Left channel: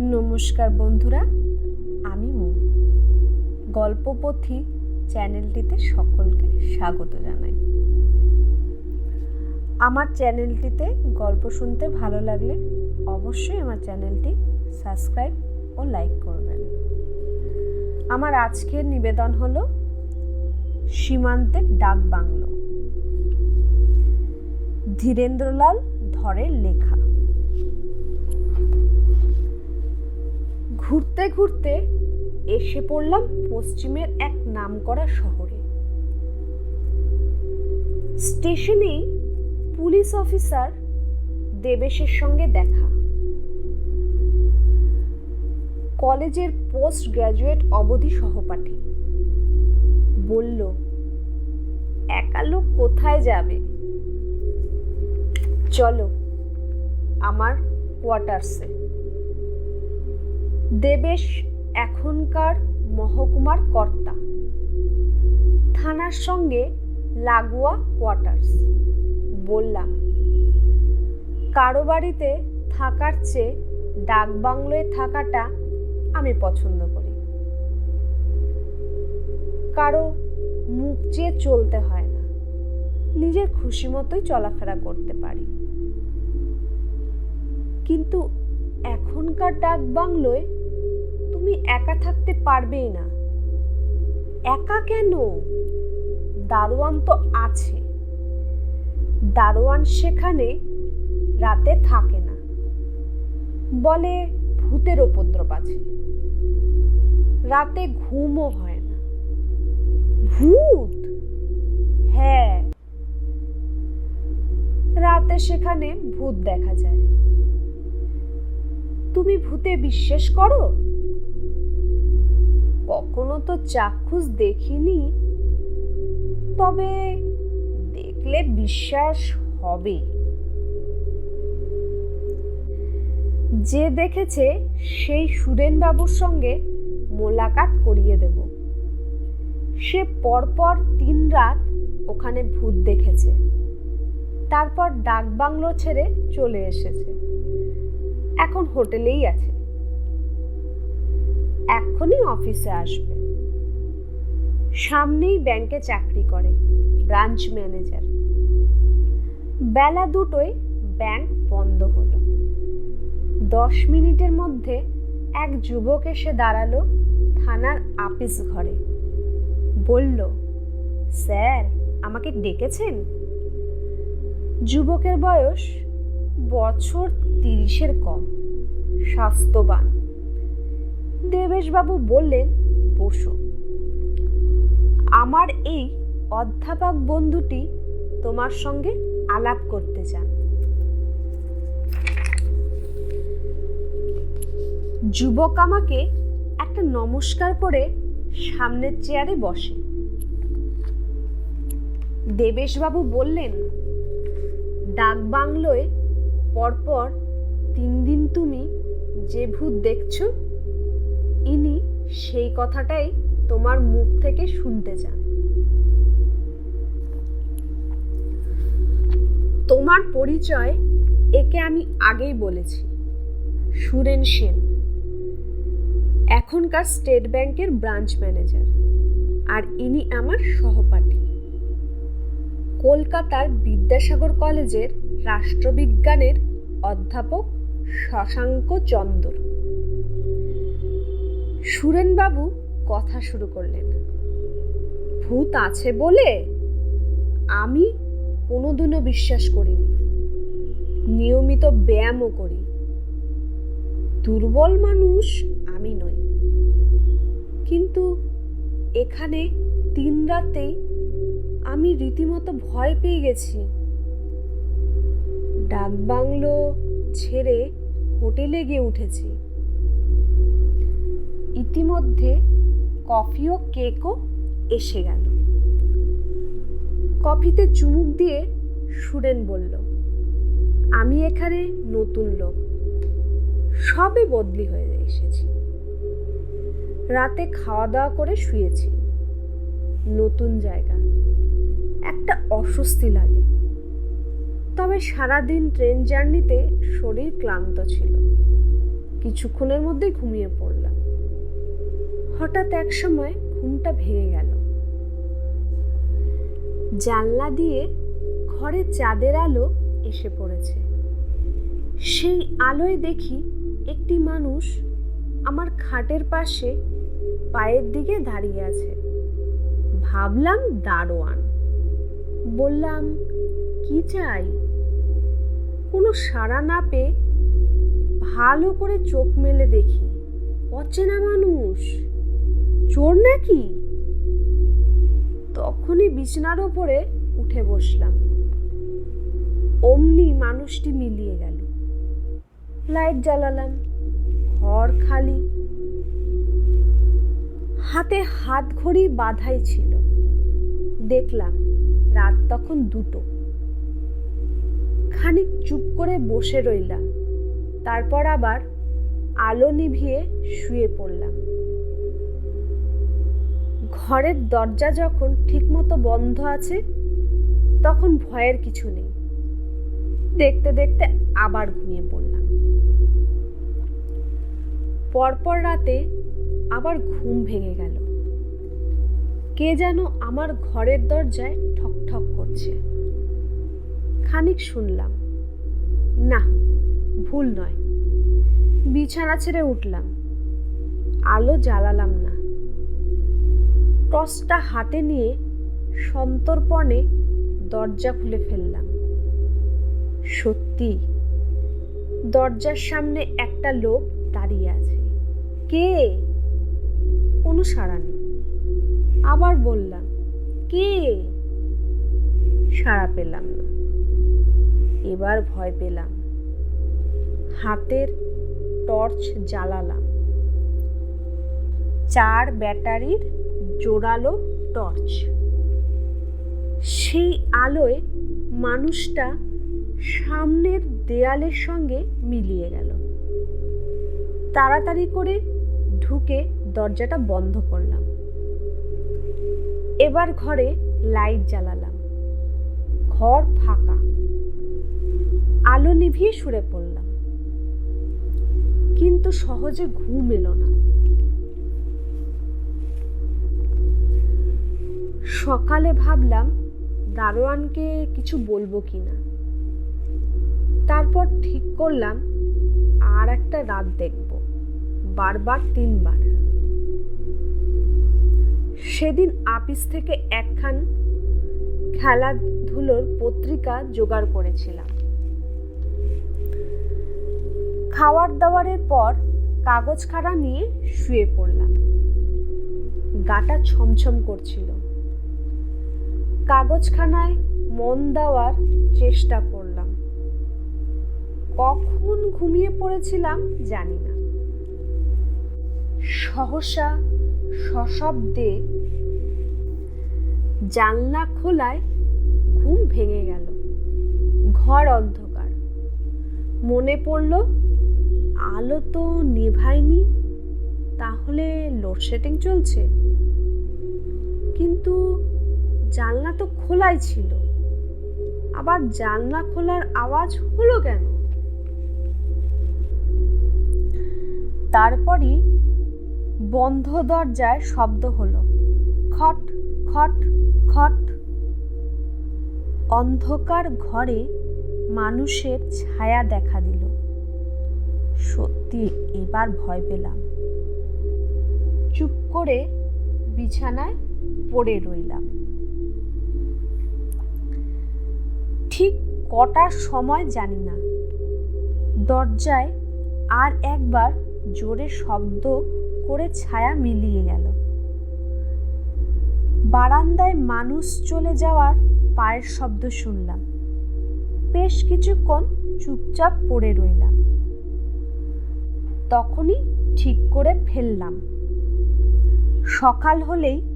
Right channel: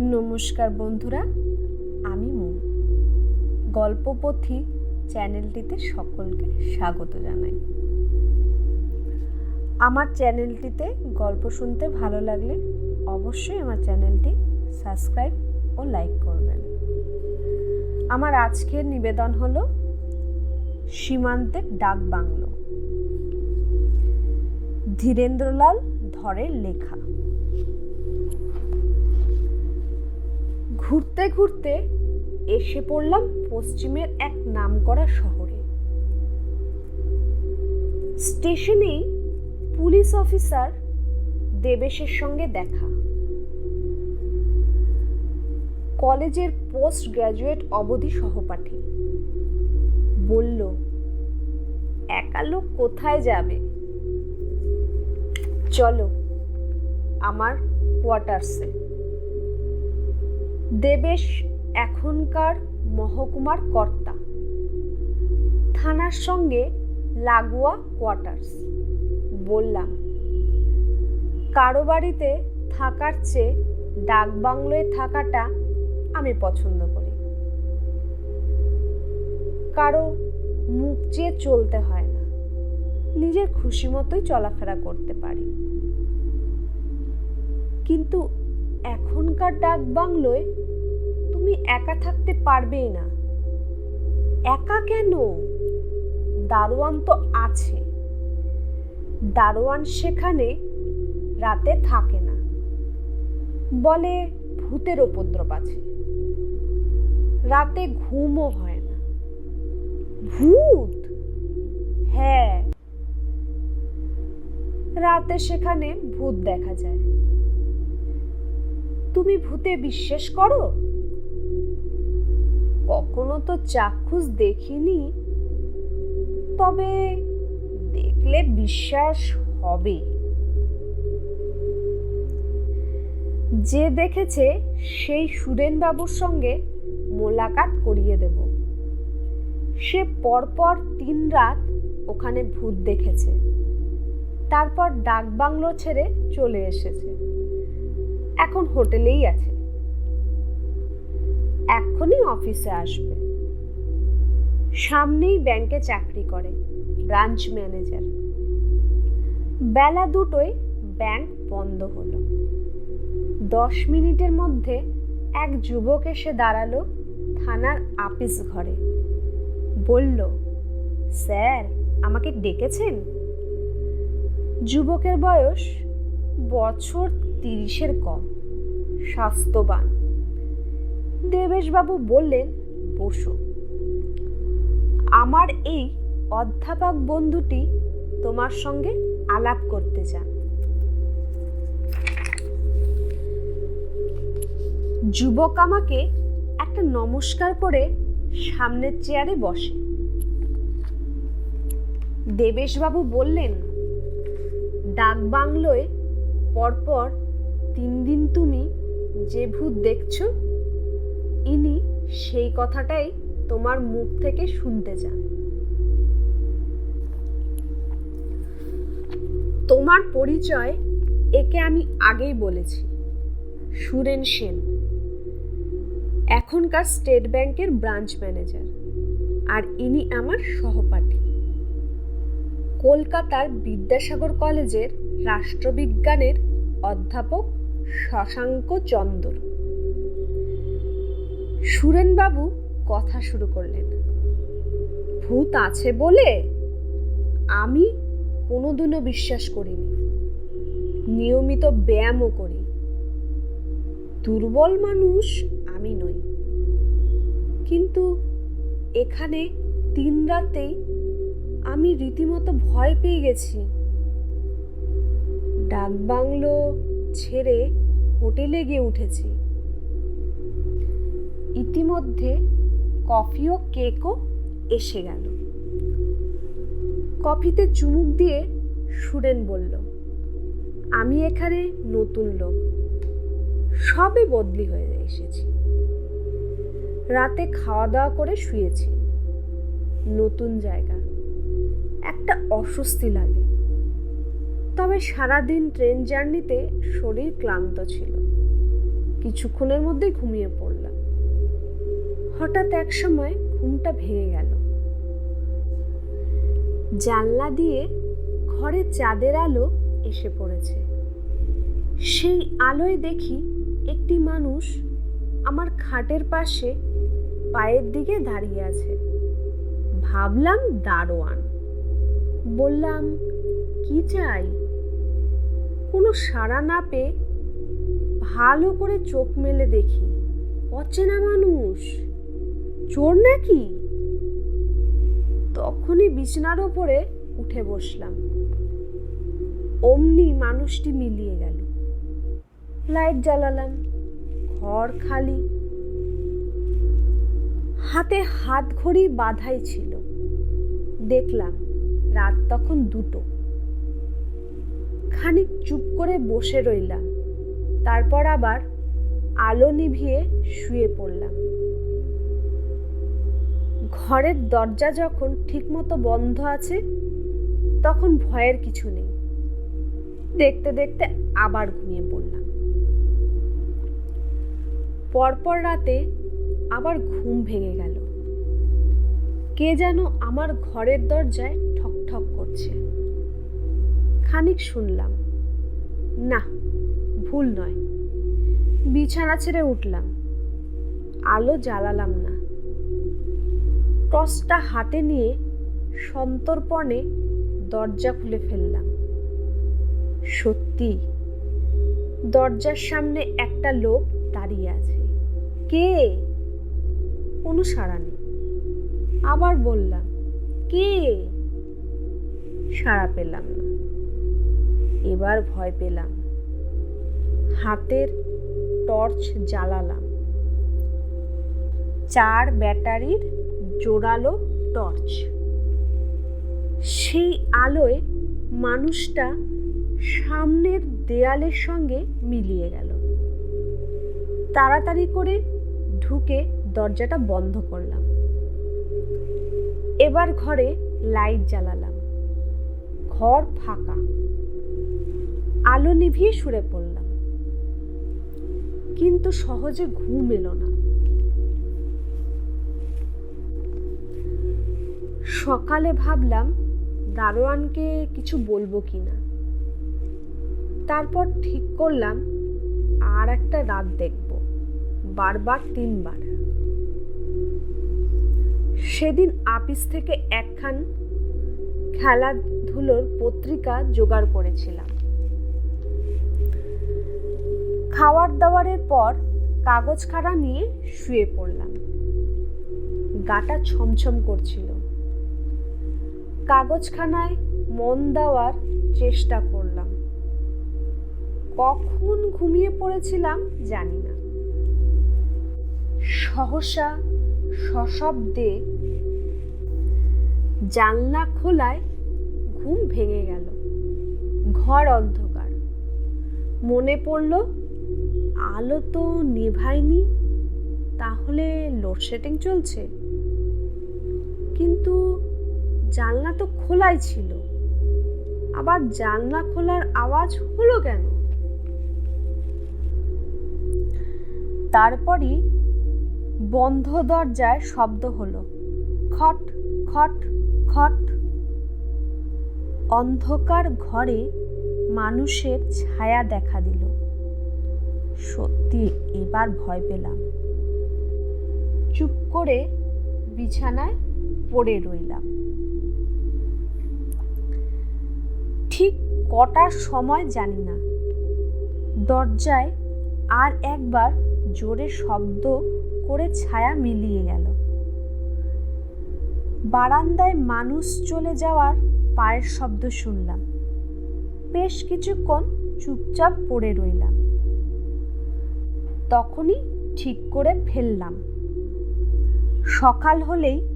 নমস্কার বন্ধুরা, আমি মু। গল্পপথি চ্যানেলটিতে সকলকে স্বাগত জানাই। আমার চ্যানেলটিতে গল্প শুনতে ভালো লাগলে অবশ্যই আমার চ্যানেলটি সাবস্ক্রাইব ও লাইক করবেন। আমার আজকের নিবেদন হলো, সীমান্তের ডাক বাংলো। ধীরেন্দ্রলাল ধরের লেখা। ঘুরতে ঘুরতে এসে পড়লাম পশ্চিমের এক নামকরা শহরে। স্টেশনেই পুলিশ অফিসার দেবেশের সঙ্গে দেখা। কলেজের পোস্ট গ্র্যাজুয়েট অবধি সহপাঠী। বলল, একা লোক কোথায় যাবে? চলো, আমার কোয়ার্টার্সে। দেবেশ এখনকার মহকুমার কর্তা। থানার সঙ্গে লাগোয়া কোয়ার্টার্স। বললাম, কারও বাড়িতে থাকার চেয়ে ডাকবাংলোয় থাকাটা আমি পছন্দ করি। কারও মুখ চেয়ে চলতে হয় না। নিজের খুশি মতোই চলাফেরা করতে পারি। কিন্তু এখনকার ডাক বাংলোয় তুমি একা থাকতে পারবেই না। একা কেন? দারোয়ান তো আছে। দারোয়ান সেখানে রাতে থাকে না। বলে ভূতের উপদ্রব আছে। রাতে ঘুমও হয় না। ভূত? হ্যাঁ। রাতে সেখানে ভূত দেখা যায়। তুমি ভূতে বিশ্বাস করো? কখনো তো চাক্ষুষ দেখিনি। তবে দেখলে বিশ্বাস হবে। যে দেখেছে, সেই সুরেন বাবুর সঙ্গে মোলাকাত করিয়ে দেব। সে পরপর তিন রাত ওখানে ভূত দেখেছে। তারপর ডাকবাংলো ছেড়ে চলে এসেছে। এখন হোটেলেই আছে। এক্ষুনি অফিসে আসবে। সামনেই ব্যাংকে চাকরি করে, ব্রাঞ্চ ম্যানেজার। বেলা দুটোয় ব্যাংক বন্ধ হলো। দশ মিনিটের মধ্যে এক যুবক এসে দাঁড়াল থানার আপিস ঘরে। বলল, স্যার, আমাকে ডেকেছেন? যুবকের বয়স বছর তিরিশের কম, স্বাস্থ্যবান। দেবেশবাবু বললেন, বসো। আমার এই অধ্যাপক বন্ধুটি তোমার সঙ্গে আলাপ করতে চান। যুবক আমাকে একটা নমস্কার করে সামনের চেয়ারে বসে। দেবেশবাবু বললেন, ডাক বাংলোয় পরপর তিন দিন তুমি যে ভূত দেখছ ইনি সেই কথাটাই তোমার মুখ থেকে শুনতে চান। তোমার পরিচয় একে আমি আগেই বলেছি, সুরেন সেন। এখনকার স্টেট ব্যাংকের ব্রাঞ্চ ম্যানেজার, আর ইনি আমার সহপাঠী। কলকাতার বিদ্যাসাগর কলেজের রাষ্ট্রবিজ্ঞানের অধ্যাপক শশাঙ্ক চন্দর। সুরেনবাবু কথা শুরু করলেন। ভূত আছে বলে আমি কোনোদিনও বিশ্বাস করিনি। নিয়মিত ব্যায়ামও করি। দুর্বল মানুষ আমি নই। কিন্তু এখানে তিন রাতেই আমি রীতিমতো ভয় পেয়ে গেছি। ডাকবাংলো ছেড়ে হোটেলে গিয়ে উঠেছি। ইতিমধ্যে কফি ও কেকও এসে গেল। কফিতে চুমুক দিয়ে সুরেন বলল, আমি এখানে নতুন লোক। সবে বদলি হয়ে এসেছি। রাতে খাওয়া দাওয়া করে শুয়েছি। নতুন জায়গা। একটা অস্বস্তি লাগে। তবে সারাদিন ট্রেন জার্নিতে শরীর ক্লান্ত ছিল। কিছুক্ষণের মধ্যেই ঘুমিয়ে পড়লাম। হঠাৎ এক সময় ঘুমটা ভেঙে গেল। জানলা দিয়ে ঘরে চাঁদের আলো এসে পড়েছে। সেই আলোয় দেখি একটি মানুষ আমার খাটের পাশে পায়ের দিকে দাঁড়িয়ে আছে। ভাবলাম, দারোয়ান। বললাম, কি চাই? কোনো সাড়া না পেয়ে ভালো করে চোখ মেলে দেখি, অচেনা মানুষ। চোর নাকি? তখনই বিছানার ওপরে উঠে বসলাম। অমনি মানুষটি মিলিয়ে গেল। লাইট জ্বালালাম, ঘর খালি। হাতে হাত ঘড়ি বাধাই ছিল। দেখলাম রাত তখন দুটো। খানিক চুপ করে বসে রইলাম। তারপর আবার আলো নিভিয়ে শুয়ে পড়লাম। ঘরের দরজা যখন ঠিকমতো বন্ধ আছে, তখন ভয়ের কিছু নেই। দেখতে দেখতে আবার ঘুমিয়ে পড়লাম। পরপর রাতে আবার ঘুম ভেঙে গেল। কে যেন আমার ঘরের দরজায় ঠক ঠক করছে। খানিক শুনলাম, না, ভুল নয়। বিছানা ছেড়ে উঠলাম। আলো জ্বালালাম না। টসটা হাতে নিয়ে সন্তর্পণে দরজা খুলে ফেললাম। সত্যি, দরজার সামনে একটা লোক দাঁড়িয়ে আছে। কে? কোনো সাড়া নেই। আবার বললাম, কে? সাড়া পেলাম না। এবার ভয় পেলাম। হাতের টর্চ জ্বালালাম। চার ব্যাটারির জোরালো টর্চ। সেই আলোয় মানুষটা সামনের দেয়ালের সঙ্গে মিলিয়ে গেল। তাড়াতাড়ি করে ঢুকে দরজাটা বন্ধ করলাম। এবার ঘরে লাইট জ্বালালাম। ঘর ফাঁকা। আলো নিভিয়ে শুয়ে পড়লাম। কিন্তু সহজে ঘুম এলো না। সকালে ভাবলাম দারোয়ানকে কিছু বলব কি না তারপর ঠিক করলাম, আর একটা রাত দেখব, বারবার তিনবার। সেদিন আপিস থেকে একখান খেলাধুলোর পত্রিকা জোগাড় করেছিলাম। খাওয়ার দাওয়ারের পর কাগজ খাড়া নিয়ে শুয়ে পড়লাম। গাটা ছমছম করছিল। কাগজখানায় মন দেওয়ার চেষ্টা করলাম। কখন ঘুমিয়ে পড়েছিলাম জানি না। সহসা সশব্দে জানলা খোলায় ঘুম ভেঙে গেল। ঘর অন্ধকার। মনে পড়ল, আলো তো নেভায়নি, তাহলে লোডশেডিং চলছে। কিন্তু জানলা তো খোলাই ছিল। আবার জানলা খোলার আওয়াজ হলো কেন? তারপরই বন্ধ দরজায় শব্দ হলো। খট খট খট। অন্ধকার ঘরে মানুষের ছায়া দেখা দিল। সত্যি এবার ভয় পেলাম। চুপ করে বিছানায় পড়ে রইলাম। ঠিক কটার সময় জানি না। দরজায় আর একবার জোরে শব্দ করে ছায়া মিলিয়ে গেল। বারান্দায় মানুষ চলে যাওয়ার পায়ের শব্দ শুনলাম। বেশ কিছুক্ষণ চুপচাপ পড়ে রইলাম। তখনই ঠিক করে ফেললাম। সকাল হলেই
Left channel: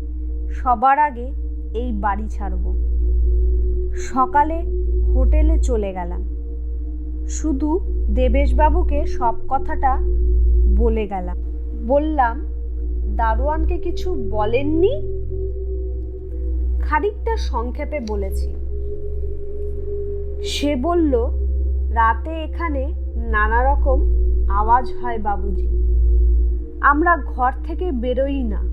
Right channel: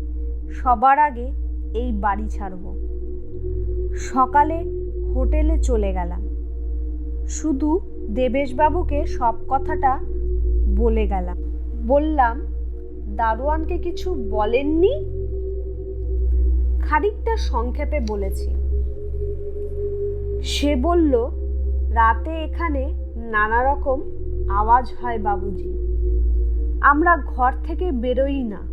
সবার আগে এই বাড়ি ছাড়ব। সকালে হোটেলে চলে গেলাম। শুধু দেবেশবাবুকে সব কথাটা বলে গেলাম। বললাম, দারোয়ানকে কিছু বলেননি? খানিকটা সংক্ষেপে বলেছি। সে বলল, রাতে এখানে নানা রকম আওয়াজ হয় বাবুজি। আমরা ঘর থেকে বেরোই না।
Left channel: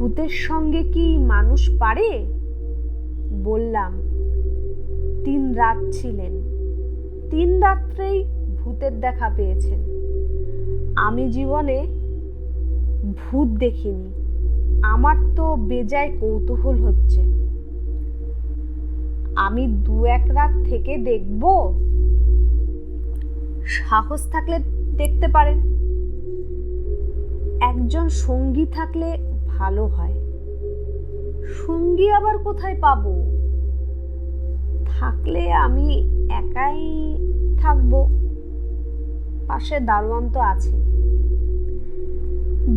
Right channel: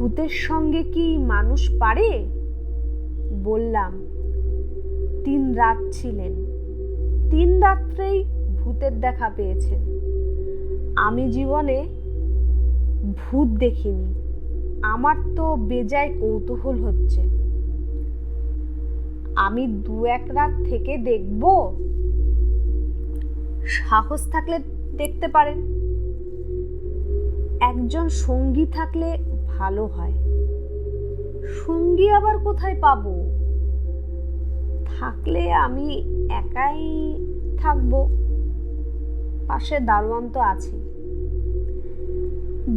ভূতের সঙ্গে কি মানুষ পারে? বললাম, তিন রাত ছিলেন। তিন রাত্রেই ভূতের দেখা পেয়েছেন। আমি জীবনে ভূত দেখিনি। আমার তো বেজায় কৌতূহল হচ্ছে। আমি দু এক রাত থেকে দেখব। সাহস থাকলে দেখতে পারেন। একজন সঙ্গী থাকলে ভালো হয়। সঙ্গী আবার কোথায় পাব? থাকলে আমি একাই থাকব। পাশে দারোয়ান তো আছে।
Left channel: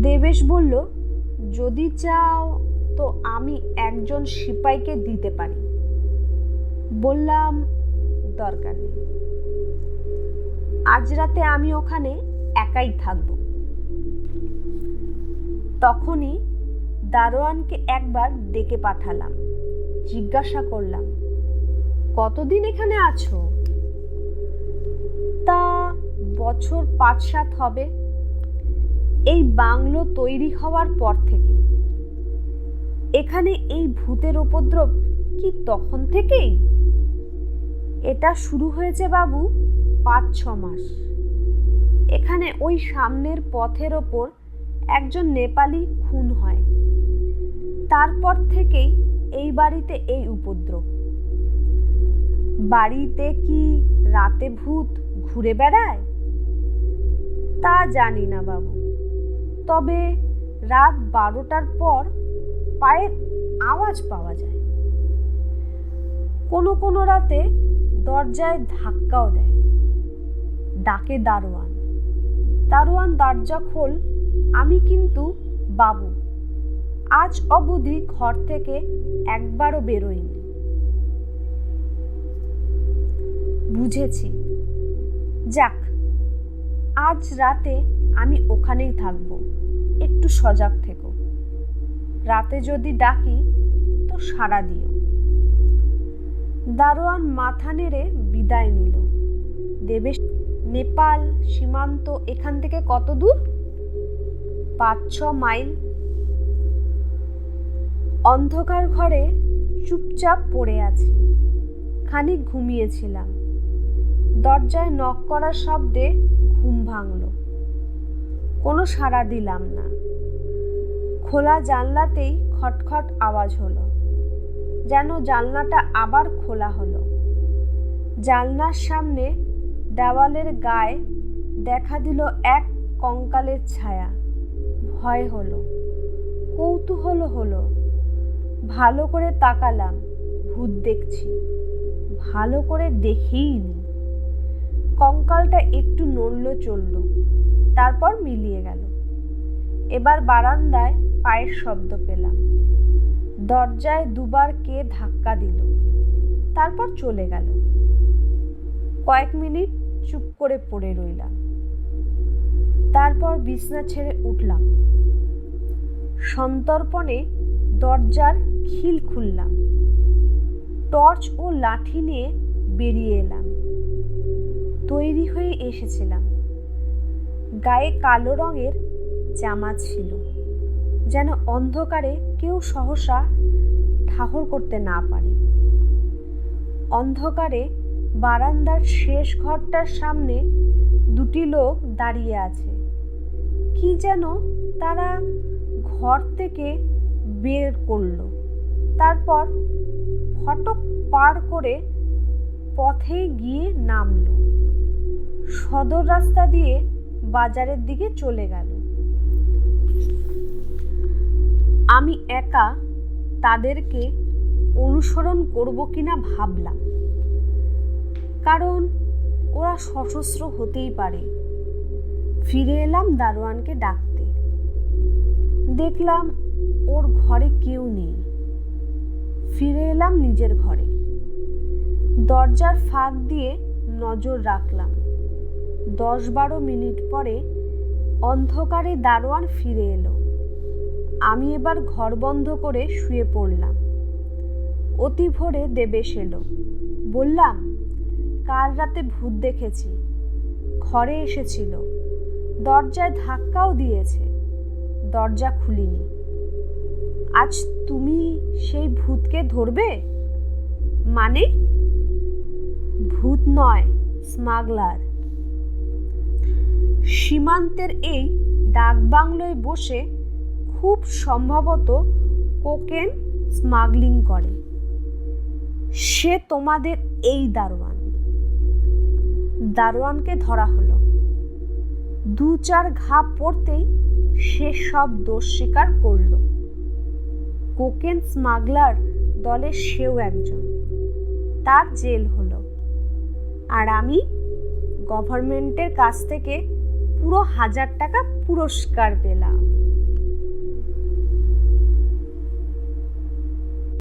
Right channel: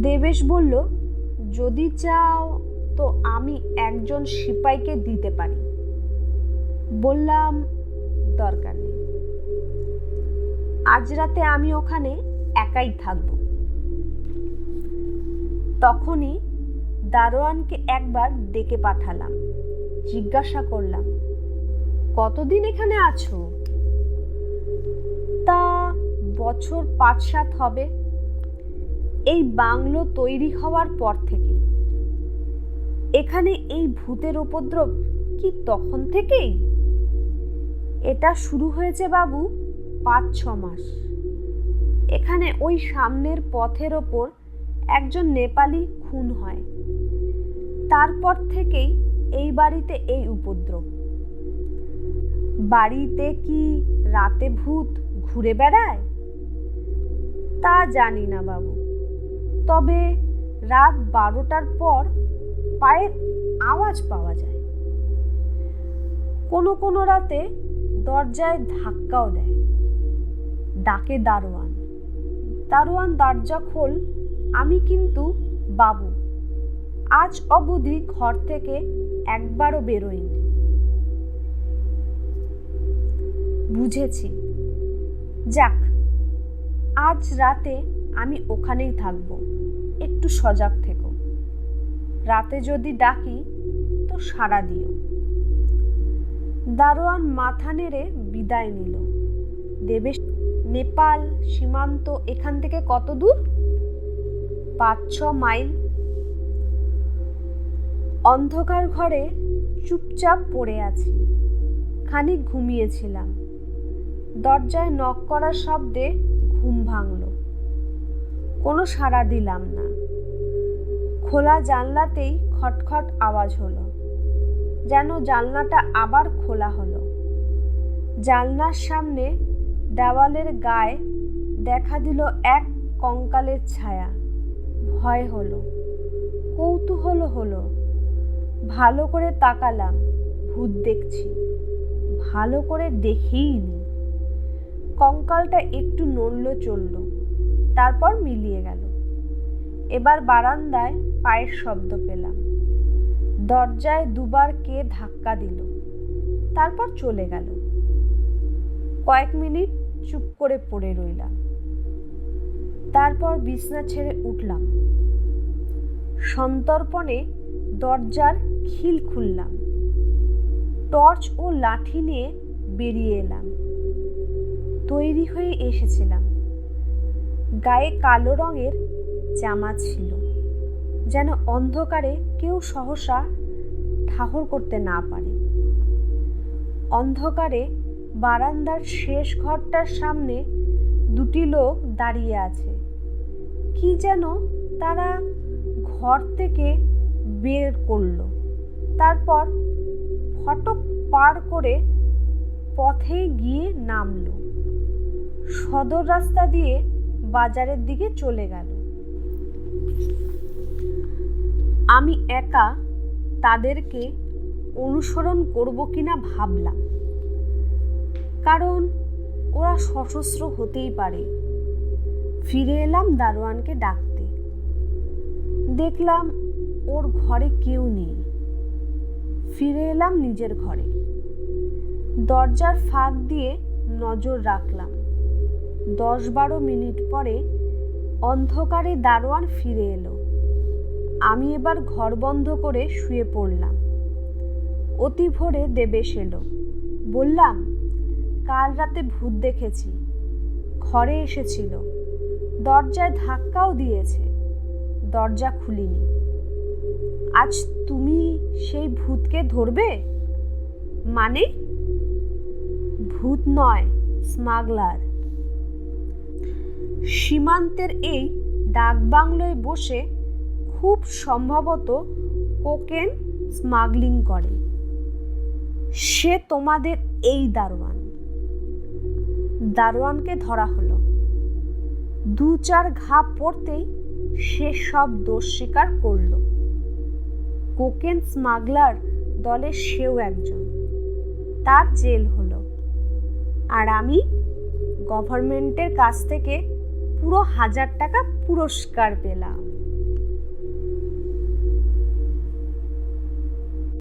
দেবেশ বলল, যদি চাও তো আমি একজন সিপাইকে দিতে পারি। বললাম, দরকার নেই। আজ রাতে আমি ওখানে একাই থাকব। তখনই দারোয়ানকে একবার ডেকে পাঠালাম। জিজ্ঞাসা করলাম, কতদিন এখানে আছো? তা বছর পাঁচ সাত হবে। এই বাংলো তৈরি হওয়ার পর থেকে এখানে এই ভূতের উপদ্রব কি তখন থেকেই? এটা শুরু হয়েছে বাবু পাঁচ ছ মাস। এখানে ওই সামনের পথের ওপর একজন নেপালি খুন হয়। তারপর থেকেই এই বাড়িতে এই উপদ্রব। বাড়িতে কি রাতে ভূত ঘুরে বেড়ায়? তা জানি না বাবু। তবে রাত বারোটার পর পায়ের আওয়াজ পাওয়া যায়। কোনো কোনো রাতে দরজায় ধাক্কাও দেয়। ডাকে দারোয়ান। দারোয়ান দরজা খোল, আমি কিন্তু বাবু। আজ অবধি ঘর থেকে একবারও বেরোইনি বুঝেছি। যাক, আজ রাতে আমি ওখানেই থাকব। একটু সজাগ থেকো। রাতে যদি ডাকি, তো সাড়া দিও। দারোয়ান মাথা নেড়ে বিদায় নিল। দেবেশ, নেপাল সীমান্ত এখান থেকে কত দূর? পাঁচ ছ মাইল অন্ধকার ঘরে চুপচাপ পড়ে আছি। খানিক ঘুমিয়েছিলাম। দরজায় নক করার শব্দে ঘুম ভাঙল। কোনো সাড়া দিলাম না। খোলা জানলাতেই খটখট আওয়াজ হলো। যেন জানলাটা আবার খোলা হলো। জানলার সামনে দেওয়ালের গায়ে দেখা দিল এক কঙ্কালের ছায়া। ভয় হলো। কৌতূহল হলো। ভালো করে তাকালাম, ভূত দেখছি। ভালো করে দেখেই নি কঙ্কালটা একটু নড়ল চলল তারপর মিলিয়ে গেল। এবার বারান্দায় পায়ের শব্দ পেলাম। দরজায় দুবার কে ধাক্কা দিল, তারপর চলে গেল। কয়েক মিনিট চুপ করে পড়ে রইলাম। তারপর বিছনা ছেড়ে উঠলাম। সন্তর্পণে দরজার খিল খুললাম। টর্চ ও লাঠি নিয়ে বেরিয়ে এলাম। তৈরি হয়ে এসেছিলাম। গায়ে কালো রঙের জামা ছিল, যেন অন্ধকারে কেউ সহসা ঠাহর করতে না পারে। অন্ধকারে বারান্দার শেষ ঘরটার সামনে দুটি লোক দাঁড়িয়ে আছে। কি যেন তারা ঘর থেকে বের করল। তারপর ফটক পার করে পথে গিয়ে নামলো। সদর রাস্তা দিয়ে বাজারের দিকে চলে গেল। আমি একা তাদেরকে অনুসরণ করব কিনা ভাবলাম। কারণ ওরা সশস্ত্র হতেই পারে। ফিরে এলাম দারোয়ানকে ডাকতে। দেখলাম ওর ঘরে কেউ নেই। ফিরে এলাম নিজের ঘরে। দরজার ফাঁক দিয়ে নজর রাখলাম। দশ বারো মিনিট পরে অন্ধকারে দারোয়ান ফিরে এলো। আমি এবার ঘর বন্ধ করে শুয়ে পড়লাম। অতি ভোরে দেবেশ এলো। বললাম, কাল রাতে ভূত দেখেছি। ঘরে এসেছিল। দরজায় ধাক্কাও দিয়েছে। দরজা খুলিনি। আজ তুমি সেই ভূতকে ধরবে? মানে? ভূত নয়, স্মাগলার। সীমান্তের এই ডাকবাংলোয় বসে খুব সম্ভবত কোকেন স্মাগলিং করে। সে তোমাদের এই দারোয়ান। দারোয়ানকে ধরা হলো। দু চার ঘা পড়তেই সে সব দোষ স্বীকার করল। কোকেন স্মাগলার দলের সেও একজন। তার জেল হলো। আর আমি গভর্নমেন্টের কাছ থেকে পুরো হাজার টাকা পুরস্কার পেলাম।